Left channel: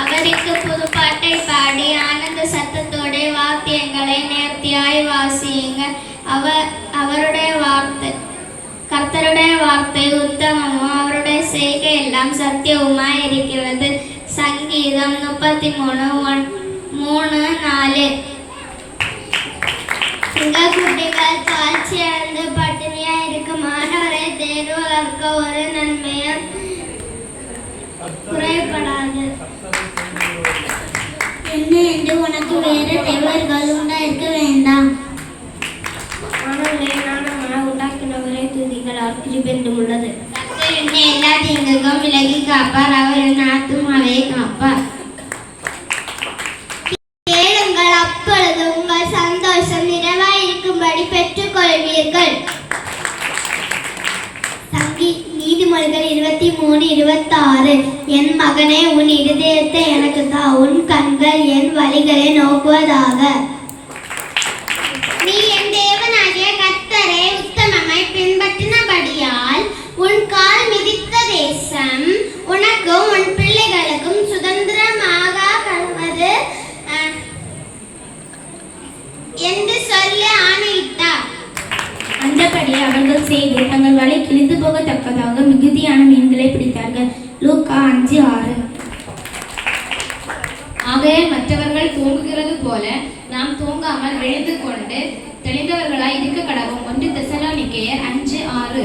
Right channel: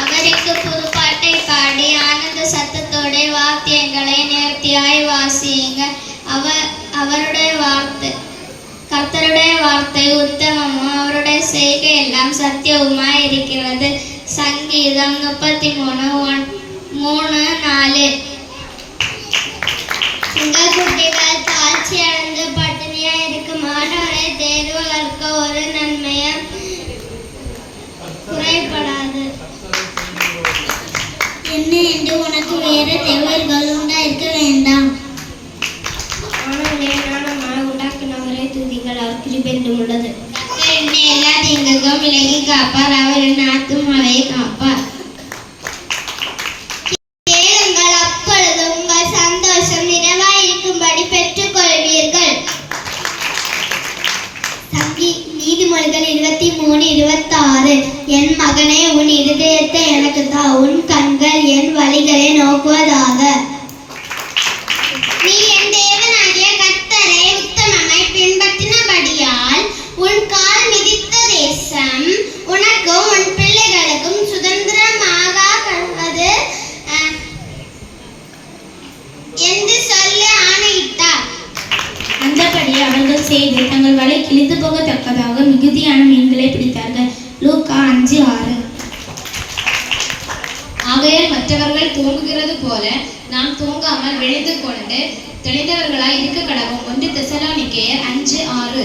அவருக்கு புதுப்பாட்டை பாடி ஆனந்த சத்தத்தோட வாத்தியங்களை நேர்த்தியாய் வாசியுங்க. கர்த்தருடைய வார்த்தை உத்தமமும் அவருடைய செய்கை எல்லாம் சத்தியவுமாய் இருக்கிறது. சங்கீதம் 33:3-4. குட்டிகள் தாழ்ச்சி அடைந்து பட்டினியா இருக்கும் மாணவரை தேர்வு கற்க ஒரு நன்மையும் குறைபடாது. என்ன என்று உனக்கு வேறு தேவர்கள் உண்டாயிருக்க வேண்டாம். உண்டாக்கினவரை துதிகள் அவர் கிருபென்றும் உள்ளது. என்னை எல்லா தீங்குக்கும் விலகி காப்பார். அவர் என் ஆத்துமாவை காப்பார். கேளுங்கள், அப்பொழுது உங்கள் சந்தோஷம் நிறைவாயிருக்கும்படி பெற்றுக் கொள்வீர்கள். நீதிமொழிகள் 23:26. என் மகனே, உன் இருதயத்தை எனக்கு தா, உன் கண்கள் என் வழிகளை நோக்குவதாக. நீ என் தேவனாகிய கர்த்தரை உத்தமமாய் பின்பற்றினபடியால் உன் கால் மிதித்த தேசம் உனக்கும் உன் பிள்ளைகளுக்கும் சுதந்திரமாக கடவது என்று சொல்லி ஆணையிட்டார். அந்தபடி அவர்கள் செய்து தங்கள் வலை கிழிந்து போகத்தக்கதாக மிகுதியான மீன்களை பிடித்தார்கள். லூக்கா 5:6. ஆகையால் மற்றவர்கள் தூங்குகிறது போல நாம் தூங்காமல் விழித்துக் கொண்டு தெளிந்தவர்களாய் இருக்க கடவும். 1 தெசலோனிக்கேயர் 5:6.